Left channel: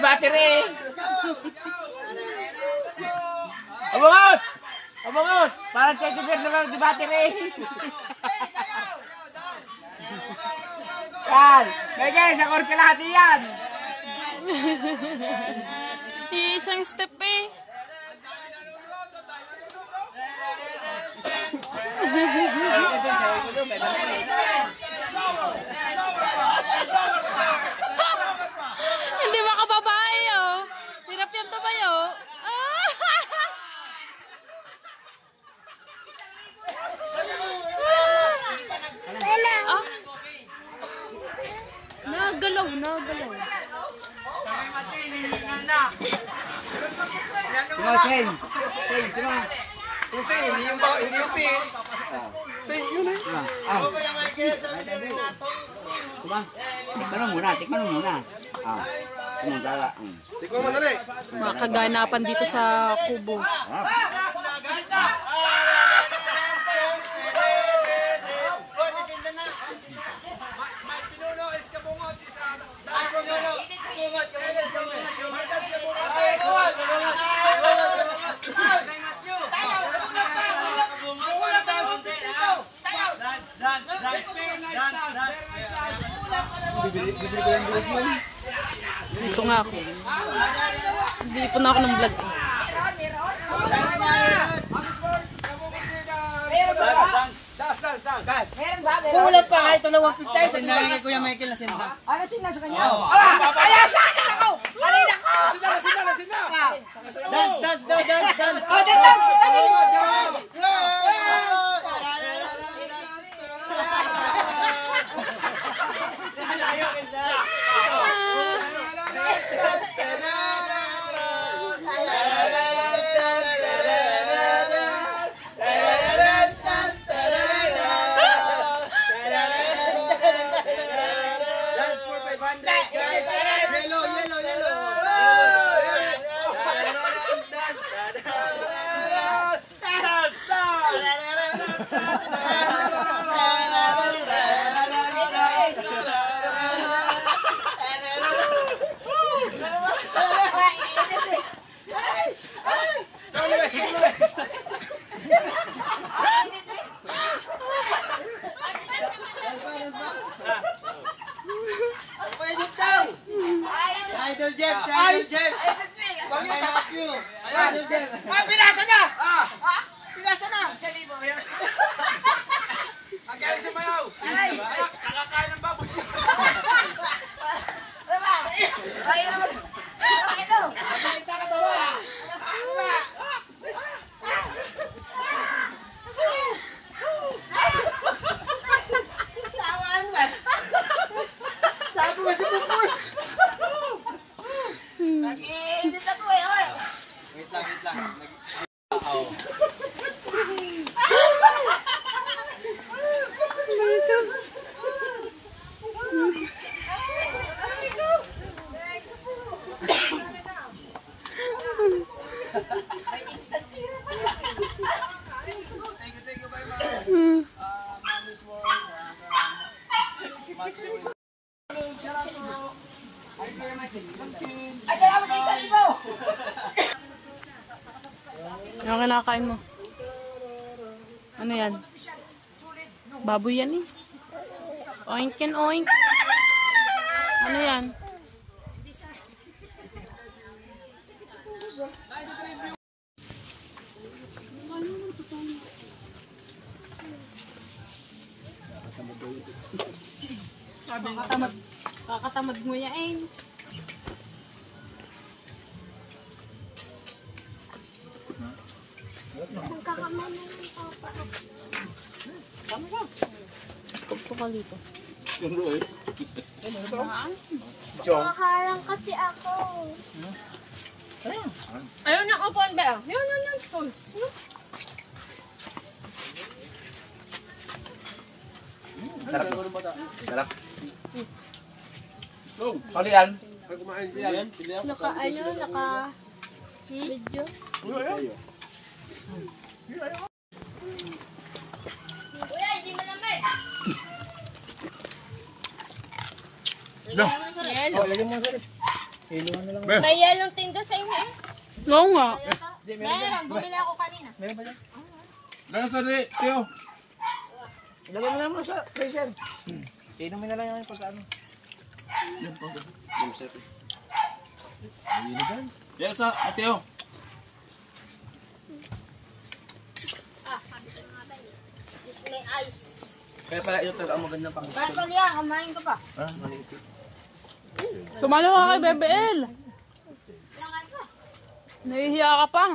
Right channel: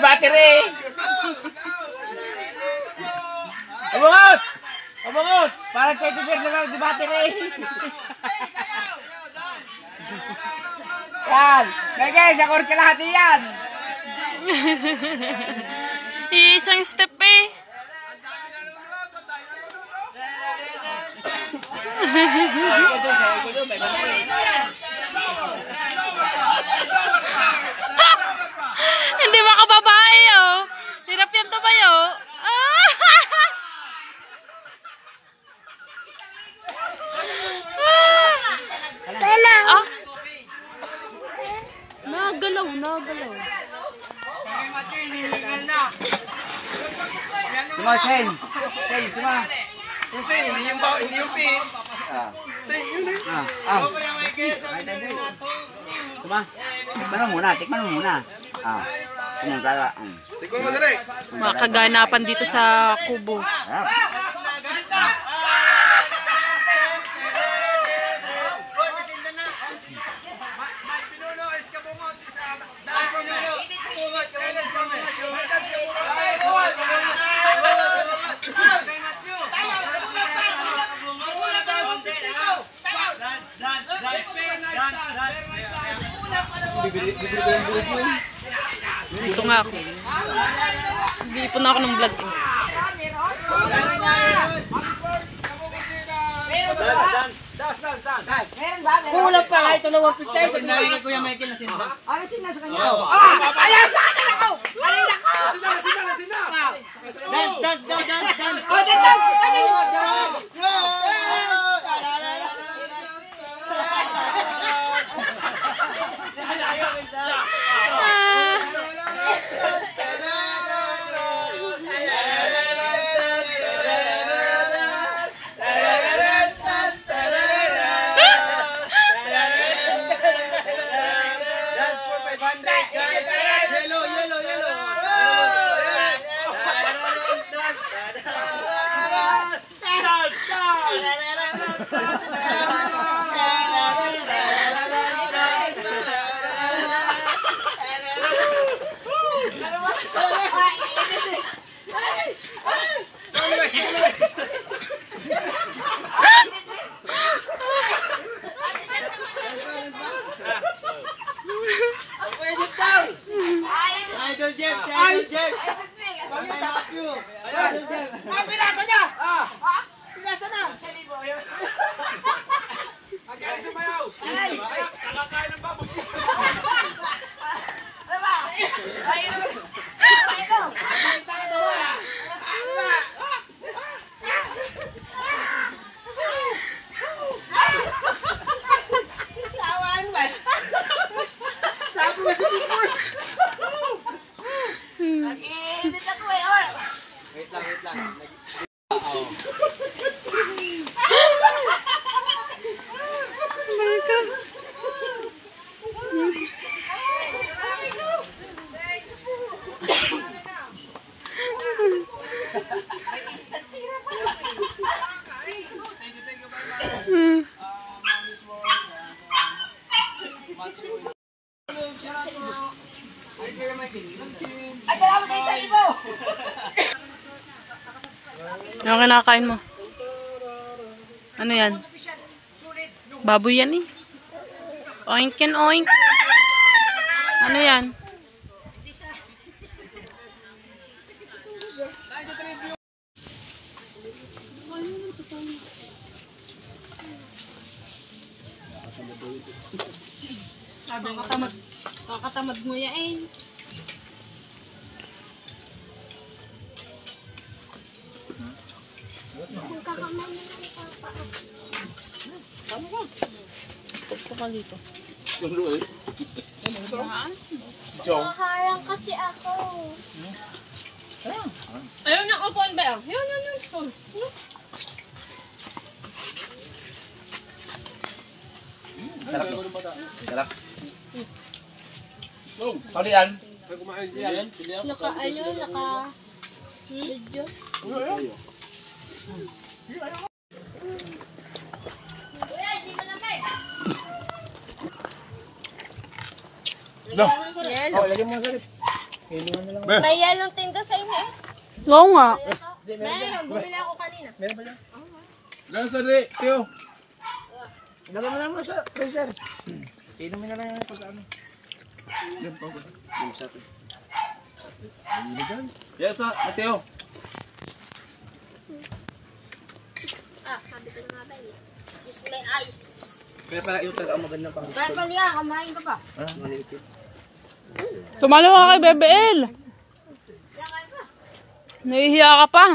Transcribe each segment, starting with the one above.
di battery. Abungot! Abungot! Parang check beer na di battery. Yan! Lagay, sakor ka lahat yan! Isang step eh. Hindi makababae oh. Hirap yan tumayo. Ah. Nagalaw, nagalaw. Suma, Sen. Sen, suma. Yung Sen, hindi yung fish. Sen, yun eh. Oo, kaya Michael, sabi na rin nato. Suma. Tikman mo muna. Tikman mo na rin. Mga kaganapan dito sa kubo. Dito nga ako. Bili po na ako ng vlog. Kulang pa nga ito ng 150. Sinala ni Kuya Michael na sinda. Ano sina sa kanya? Ayan! Ayan ako! Alin ako! Sina! Dance! Oh, dance! Idol Jeff! Pinasa na! Pinasa na! Ang galing sa mayaw! Aray! Kakakain ng baboy! Ano ba? Ay, ano ba? Ay, ito! Tawaan ba? Sabi ko si Pupoy! Nag-iinit ako eh, oy! Wait lang. Ay, salamat sa isa ibo! Ano kinakain mo? Ano yan? Baboy yan eh. Oink and oink. Ano yan? Kakatamad mo yan. Pagko ka dito. Nakaharang kasi ako. Ayaw niyang upuan ba? Yun, spoon. Sarap. Kalian. Naka video. Kuya, hindi malamig. Lagyan mo sa rip. May yelong tinda sa inyo eh. Oo nga. Meron, bumili ako kanina. Meron pa dyan? Lalo sa rin, Teo. Ilagay mo na muna sa freezer. Inumin na lang yung pag ano. Yes, Teo. May ice. Kaya pala ito talaga ang magandang pang Kaya pala yan, kamain ka pa. manipit. Tumalo ka kay Bebe El. Nahihiya ka pa.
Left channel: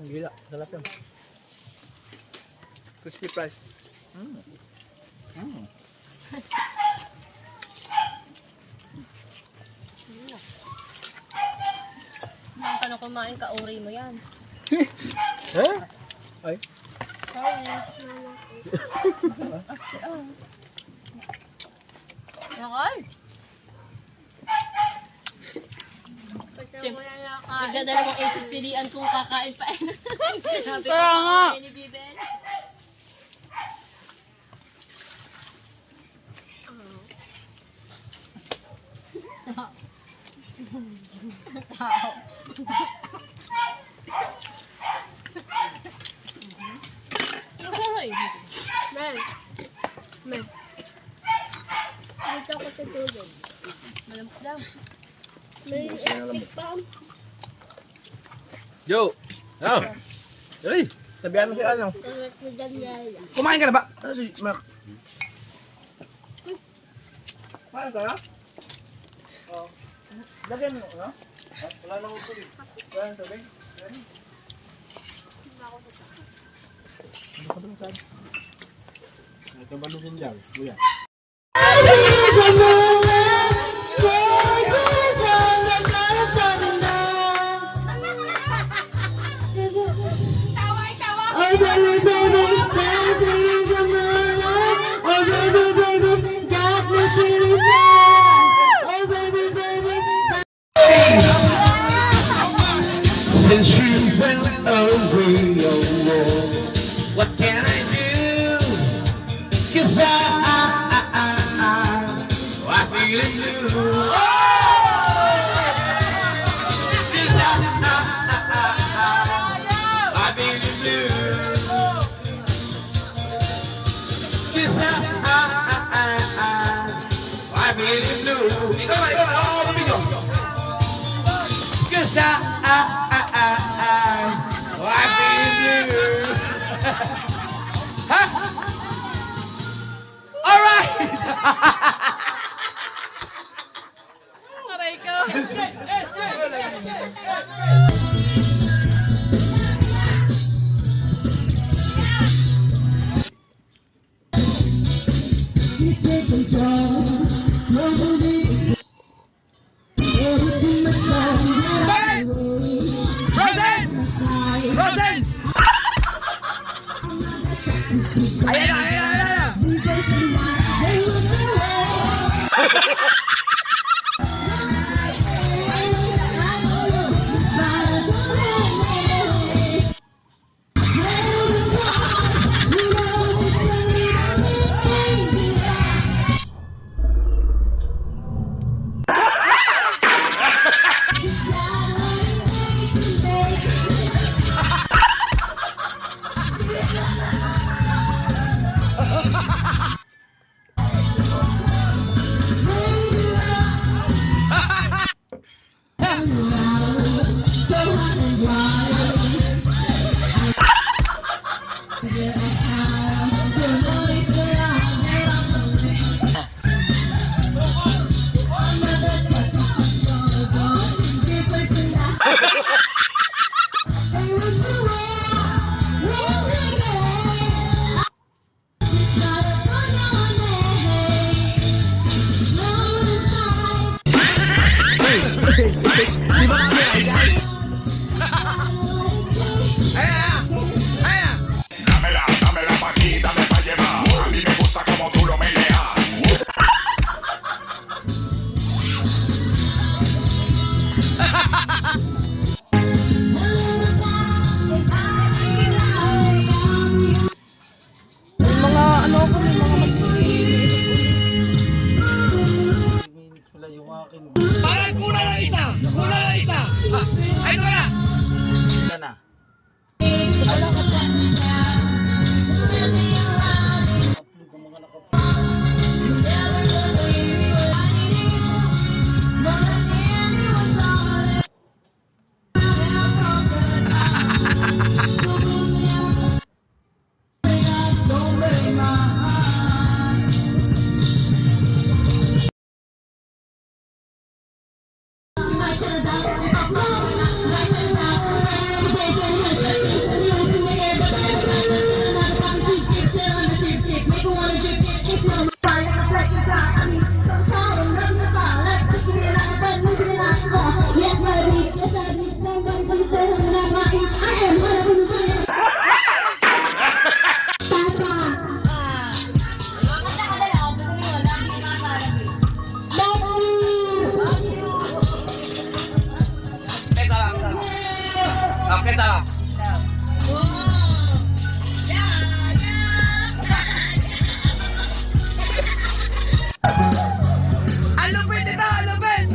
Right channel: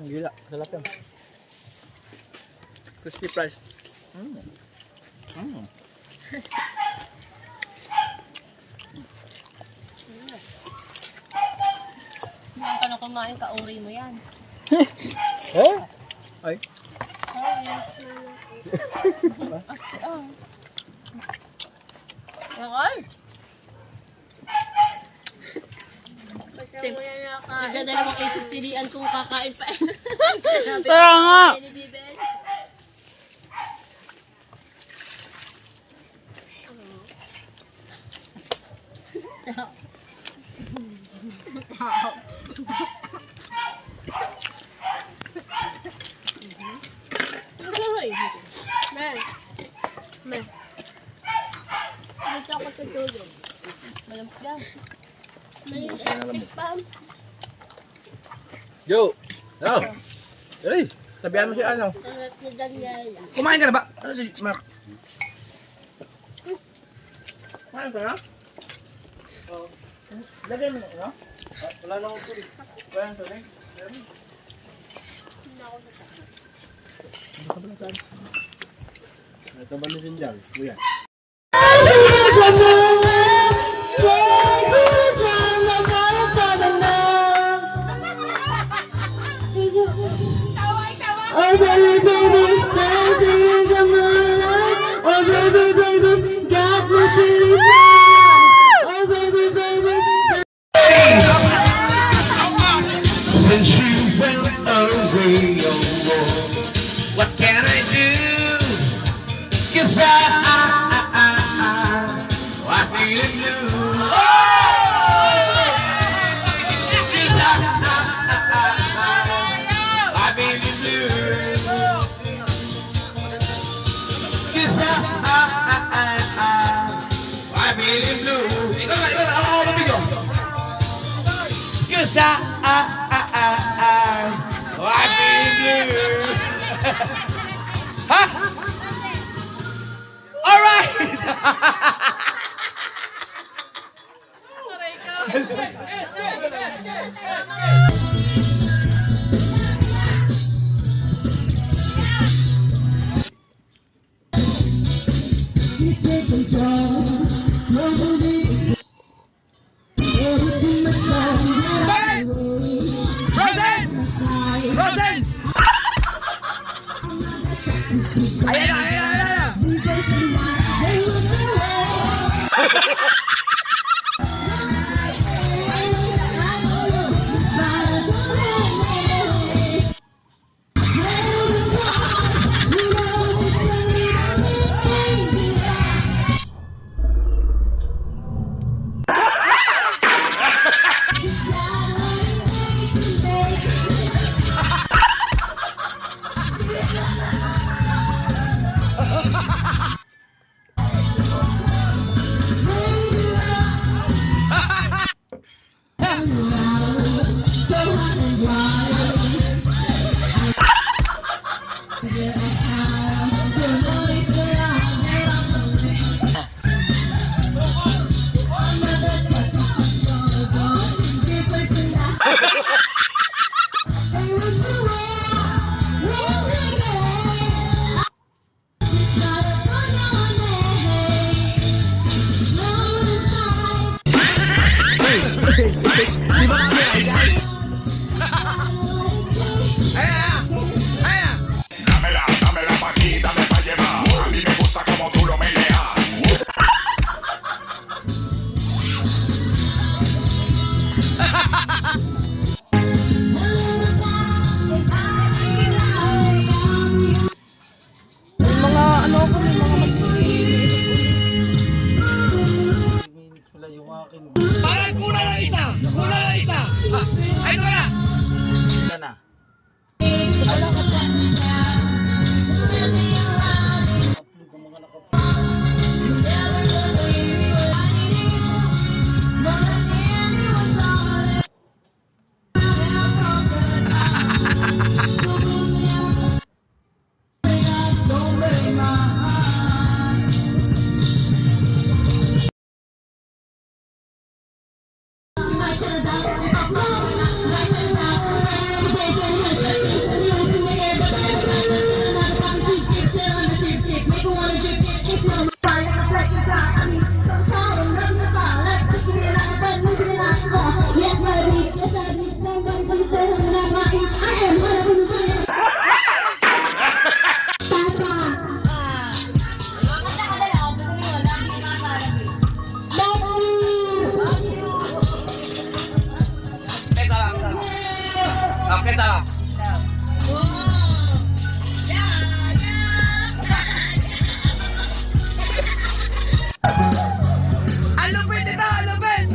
Ang gila. Sarap yan. Crispy fries. Nang ka na kumain ka, uri mo yan. Eh? Ay. Yakal. Nagdadalawang isip silian kung kakain pa. Kaya nga. Dito ako sa tulog. Malamok lang. Yo. Ah. Dali. Sabihan mo si ano. Ni Daniel. Kumain ka na ba? Ano si Mark? Kumain ka na? Oo. Lagay mo na, no? Wala na akong tuloy. Wala nang tubig? Ito ba natin dyan? Kuya. Oh baby, baby, dancing in the moonlight. Oh baby, baby, got me feeling fine. Oh baby, baby. Since you went away, what can I do? 'Cause I feel blue. I feel blue. 'Cause I feel blue. Ikaw na, ako mabigyo. 'Cause I feel blue. Ha? All right. Rosen! Ayan na! Bakit ah? Alupin ito, alupin!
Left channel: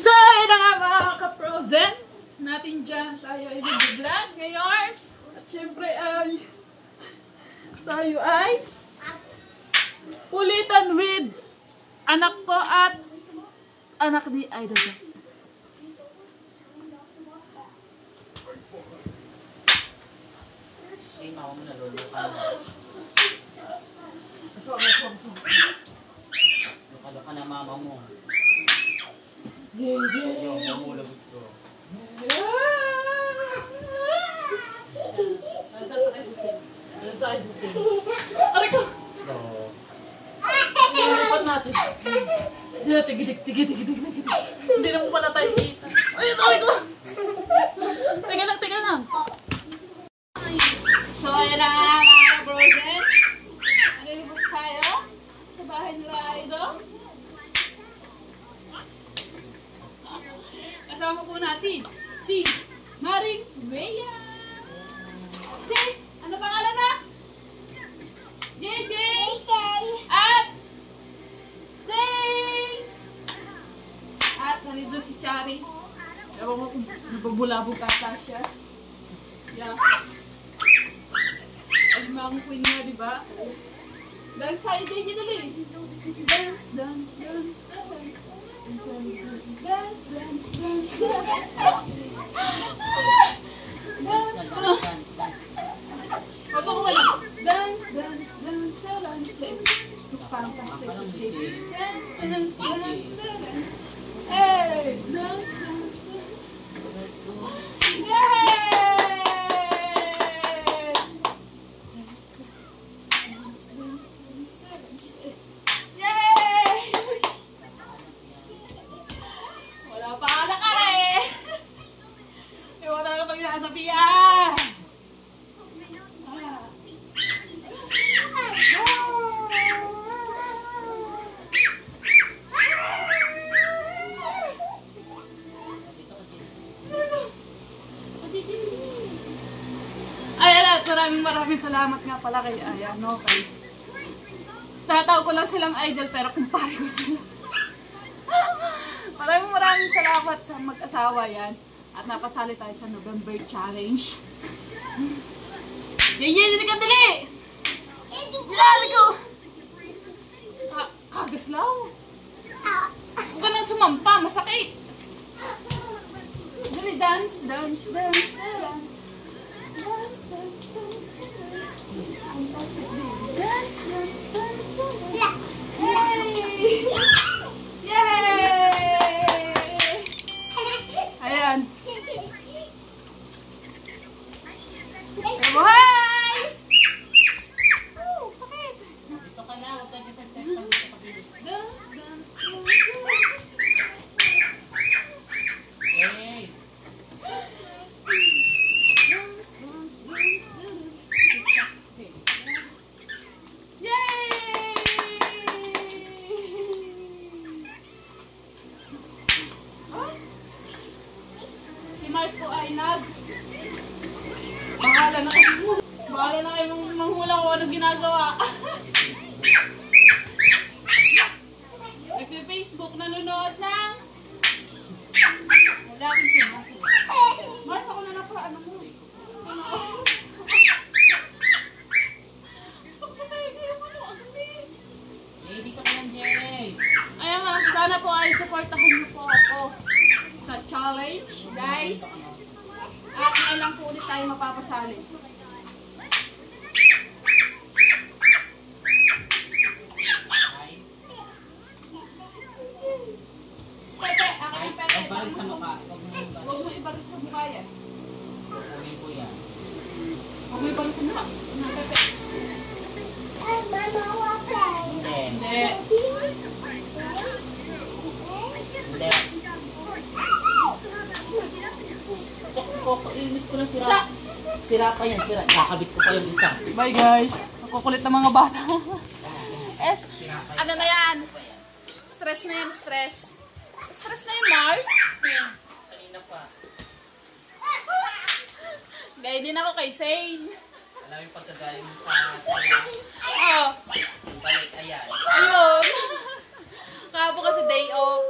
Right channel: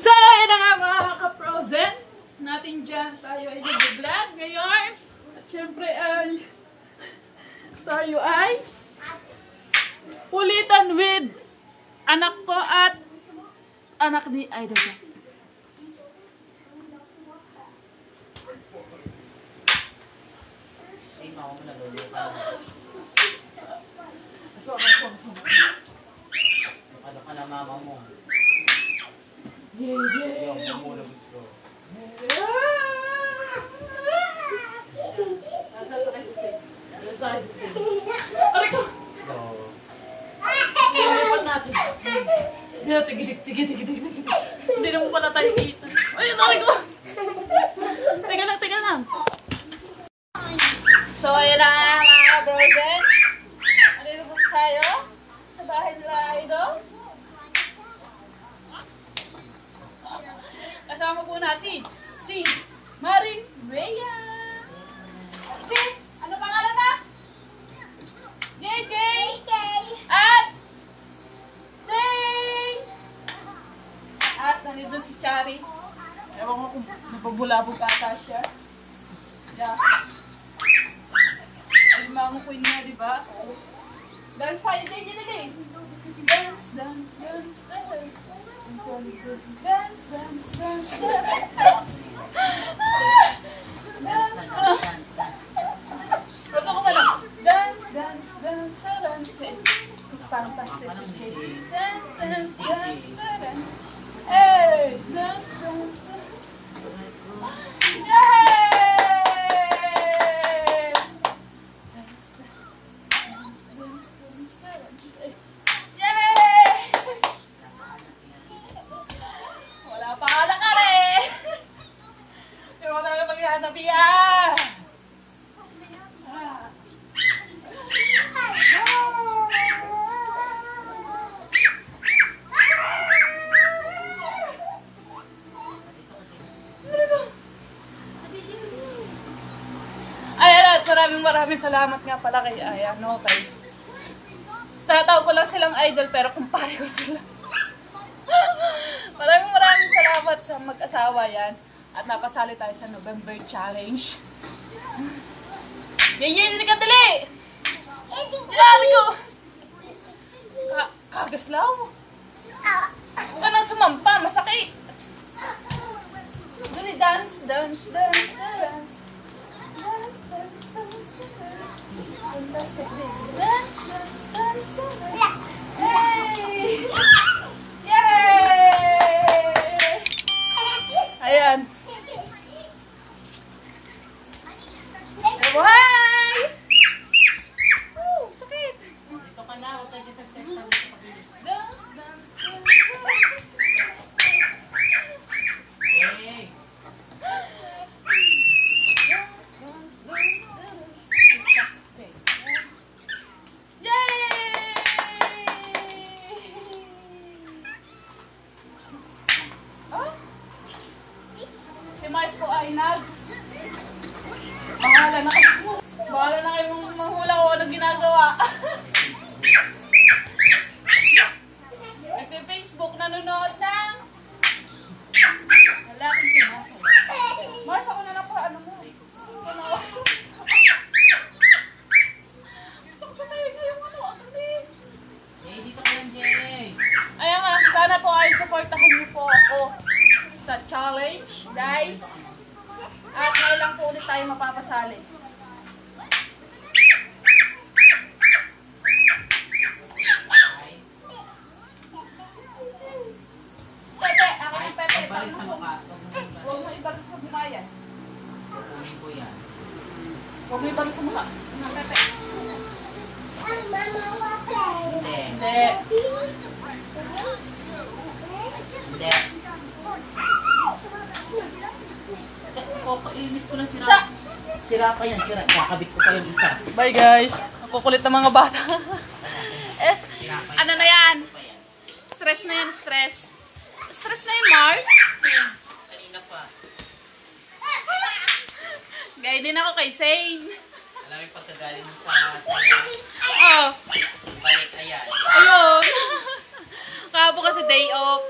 So, ayun na nga mga ka-frozen natin dyan. Tayo ay nag-vlog ngayon. At syempre ay tayo ay kulitan with anak ko at anak ni Idol Jack. Ano ka na mama mo? Yay! Yung pamulagot ko. Nasasakay si Sin. Nasasakay si Sin. Aray ko! Nilipat natin. Hindi natin gidig. Hindi naman pala tayo kita. Ay, aray ko! Teka lang. So, ayan na nga mga frozen. Ano ba tayo? Sa bahay nila Idol. Kasama po natin si Maring Rhea. Si, ano pangalan na? JJ. At Sing. At nandito si Chari. Ewan ko kung napabulabog ata siya. Yeah. Ay, mga queen na, di ba? Dance tayo, JJ nila eh. Dance. Dance. maraming salamat nga pala kay Ayano, kay tatawag ko lang silang idol pero kumpare ko sila. Maraming salamat sa mag-asawa yan. At napasali tayo sa November Challenge. Hindi ka dali! Dali ko! Kagaslaw! Huwag ka nang sumampa, masakit! Dali, dance, dance, dance, dance. Dance, dance, dance, dance. Fantastic, baby. Dance, dance, dance, dance. Yay! Yay! Ayan. Buhay! Sakit! Dito ka na, huwag tayo sa test. Dance, dance, dance. Hey! Si Mars po ay bahala na kayong manghula ko ano ginagawa. Nagpe-Facebook, nanonood ng lalaking sumasayo. Mars, ako na lang pa, ano mo? Ano? Sakto tayo yung ano, agami. Hey, dito ka lang, Jay! Ayan nga, sana po ay supportahan niyo po ako sa challenge, guys. At ngayon lang po ulit tayo mapapasali. Pepe, akin yung Pepe. Balik sa mukha. Huwag mo ibalik sa mukha yan. Kukunin ko yan. Huwag mo ibalik sa mukha. Ano, Pepe? Hindi. Hindi. Hindi. Inis ko ng sira. Sira pa yan, sira. Kakabit ko pa yung isa. Bye guys. Nakukulit ng mga bata. Ano na yan? Stress na yan, stress. Stress na yan, Mars. Kanina pa. Gaya din ako kay Zane. Alam yung pagkagaling mo sa saya. Oh, Balik, ayan. ayun. Kahapon kasi day off.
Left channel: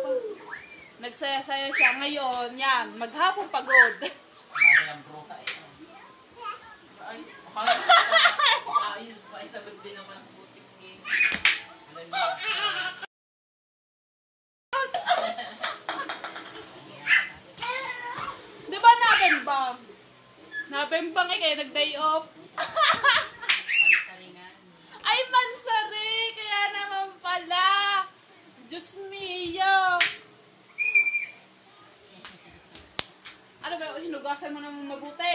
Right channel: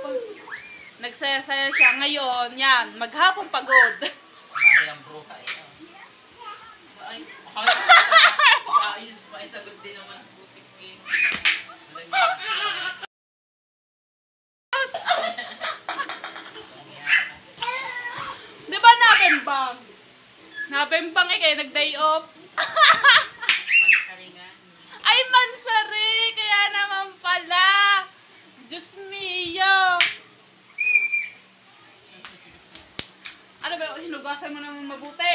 Nagsaya-saya siya. Ngayon, yan, maghapong pagod. Kumari ang bruha. Ayos pa. Itagod din naman ang butik ni. Di ba nabembang? Nabembang eh, kaya nag-day off. Mansaringan. Ay, mansari! Kaya naman pala. Diyos mio! Ano ba, hinugasan mo naman mabuti.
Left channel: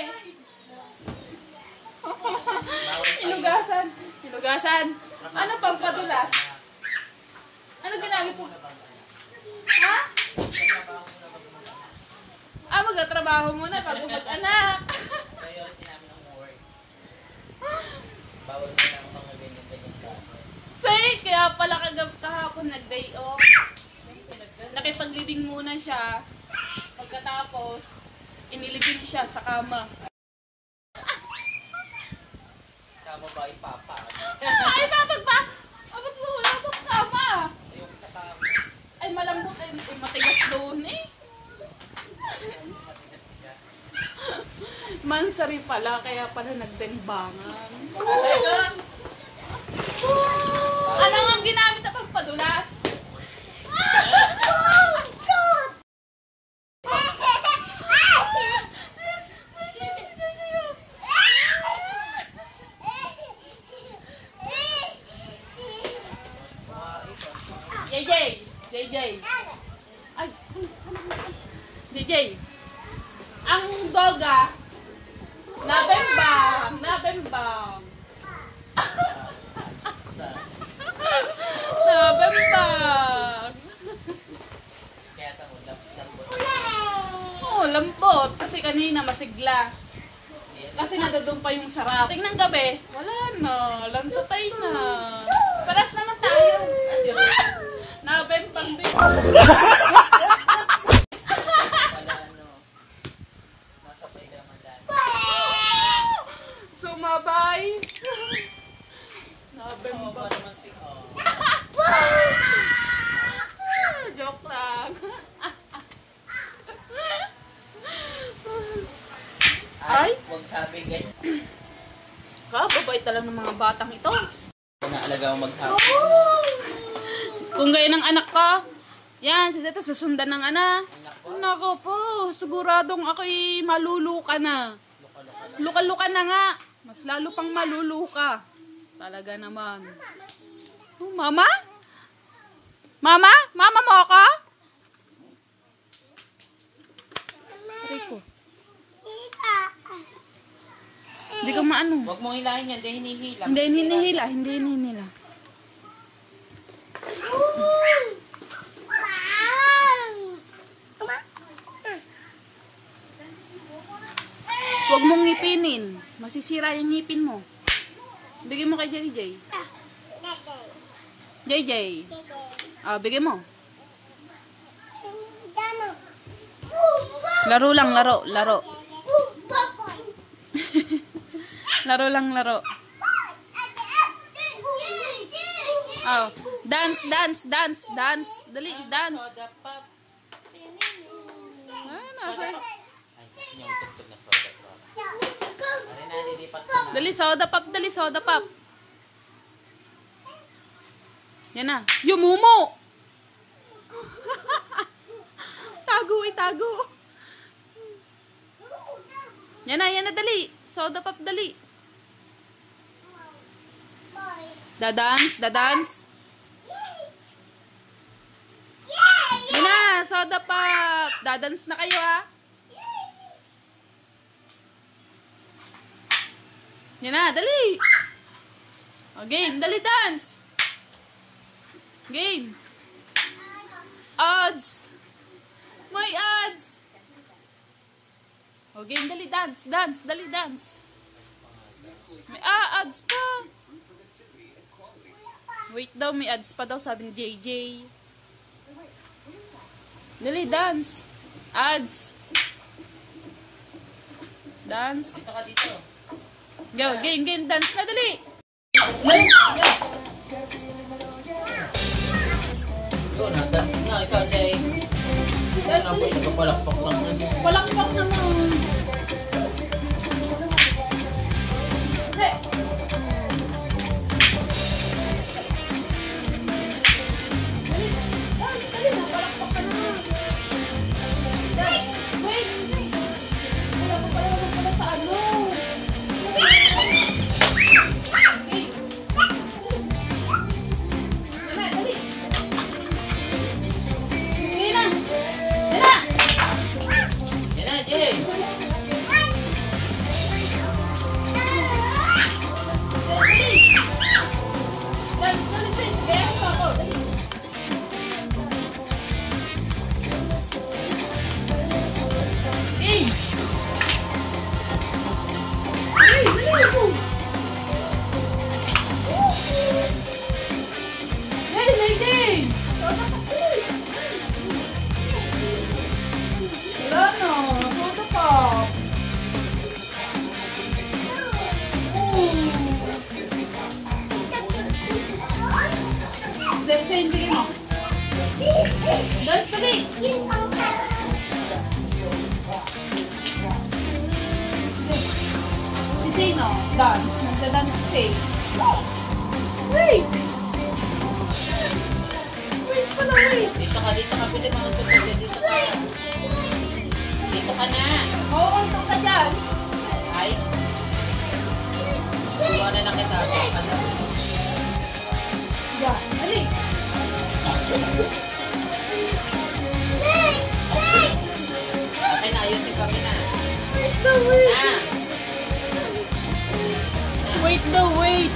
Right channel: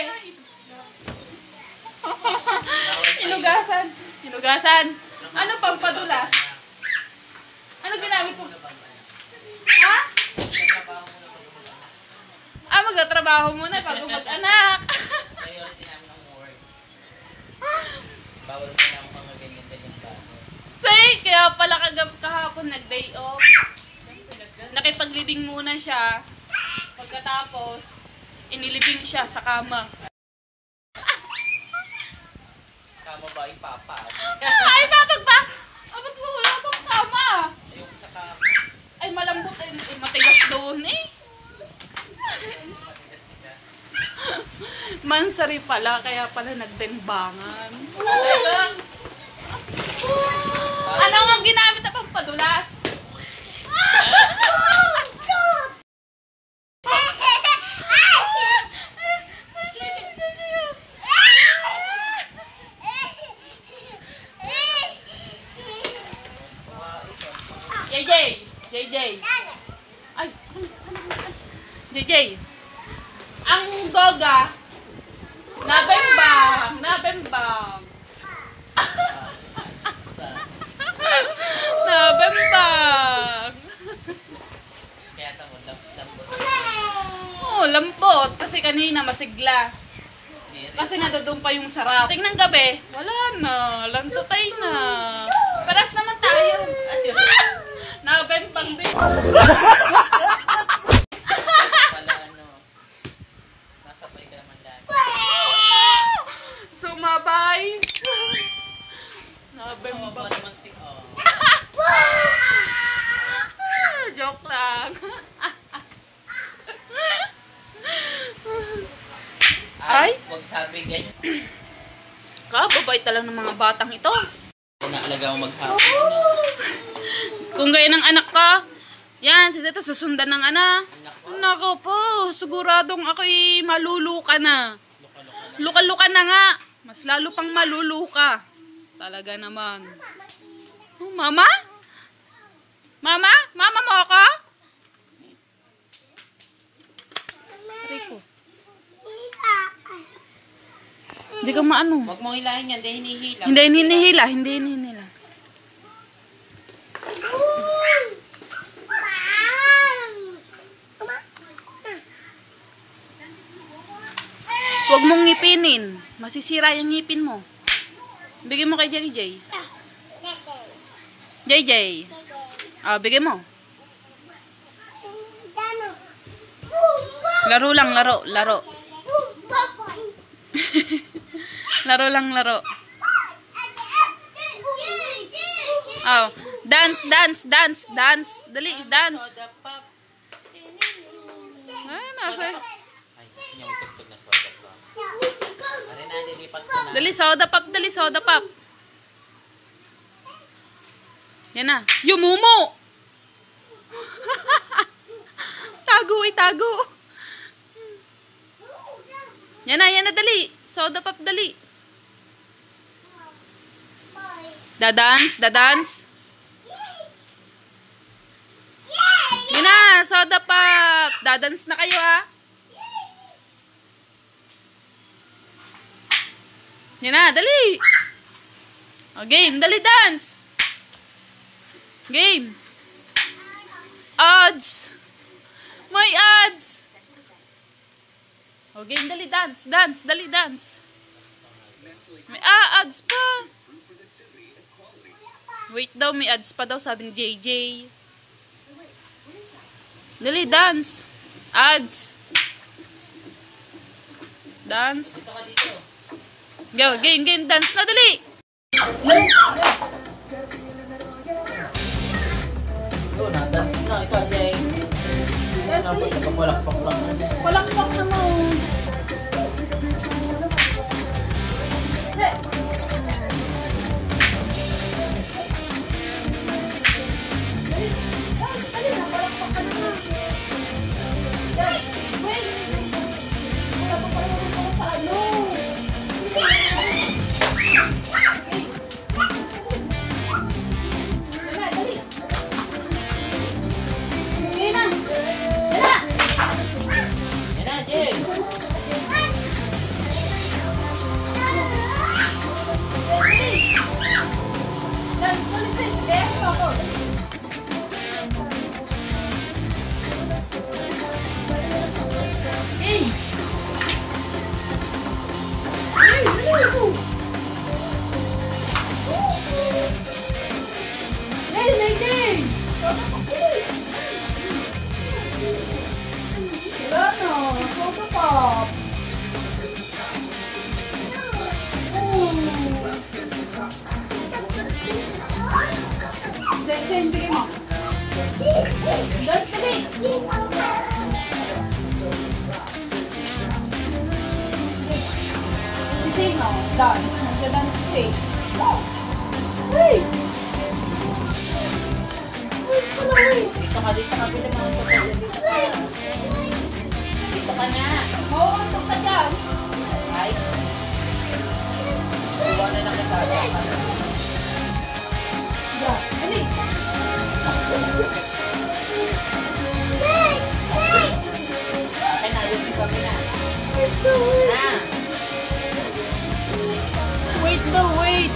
Hinugasan. Hinugasan. Ano pang padulas? Ano ginamit ko? Ha? Ah, magtatrabaho muna bago mag-anak. Priority namin ang work. Bawal mo na ang mga ganyan-ganyan bagay. Say, kaya pala kahapon nag-day off. Nakipaglibing muna siya. Pagkatapos, inilibing siya sa kama. Kama ba ay papa? Ay, babag ba? Abot mo, wala pang kama. Yung sa kama. Ay, malambot. Ay, matigas doon eh. Matigas-tigas. Mansari pala, kaya pala nagdembangan. Ano nga ginamit na pagpadulas? JJ. Ay, JJ. Ang doga, nabembang. Nabembang. Kaya tamo, lambot. Oo, lambot. Kasi kanina masigla. Kasi nadadun pa yung sarap. Tingnan gabi, wala na. Lantutay na. Paras naman tayo. Nabembang din. Pala ano, nasa pay ka naman dahil. Sumabay Ay. Nabemba. Joke lang. Ay. Huwag sabi ganyan. Kababait lang ng mga batang ito. Naalaga mo maghapon. Kung gaya ng anak ka, yan, si Tita susundan ng anak. Nako po, siguradong ako'y maluluka na. Luka-luka na nga. Mas lalo pang maluluka. Talaga naman. Oh, mama? Mama? Mama mo ako? Aray ko. Hindi ka maano. Huwag mong hilahin yan, hindi hinihila. Hindi hinihila, hindi hinihila. Huwag mong ngipinin. Masisira yung ngipin mo. Bigyan mo kay JJ. JJ. Ah, bigyan mo. Laro lang, laro, laro. Laro lang, laro. Oh, dance, dance, dance, dance. Dali, dance. Ay, nasa. Dali, soda pop, dali, soda pop. Yan na. Yumumo! Tago, itago. Yan na, dali. Soda pop, dali. Dadance, dadance. Yan na, soda pop. Dadance na kayo, ha. Yan na, dali. O, game, dali, dance. Game. Odds. May odds. O, game, dali, dance. Dance, dali, dance. May odds pa. Wait daw, may odds pa daw, sabi ni JJ. Dali, dance. Odds. Dance. Go, game, game, dance na, dali. Dance na, ikaw ay. Palakpak lang. Palakpak na mo. Sino? Dance. Nagda-dance siya. Wait! Wait pala, wait. Dito ka, pilit mo. Dito ka na. Oo, untok ka dyan. Ay. Buwan na lang kita. Diyan. Alis. Okay na, ayun din kami na. Wait daw, wait.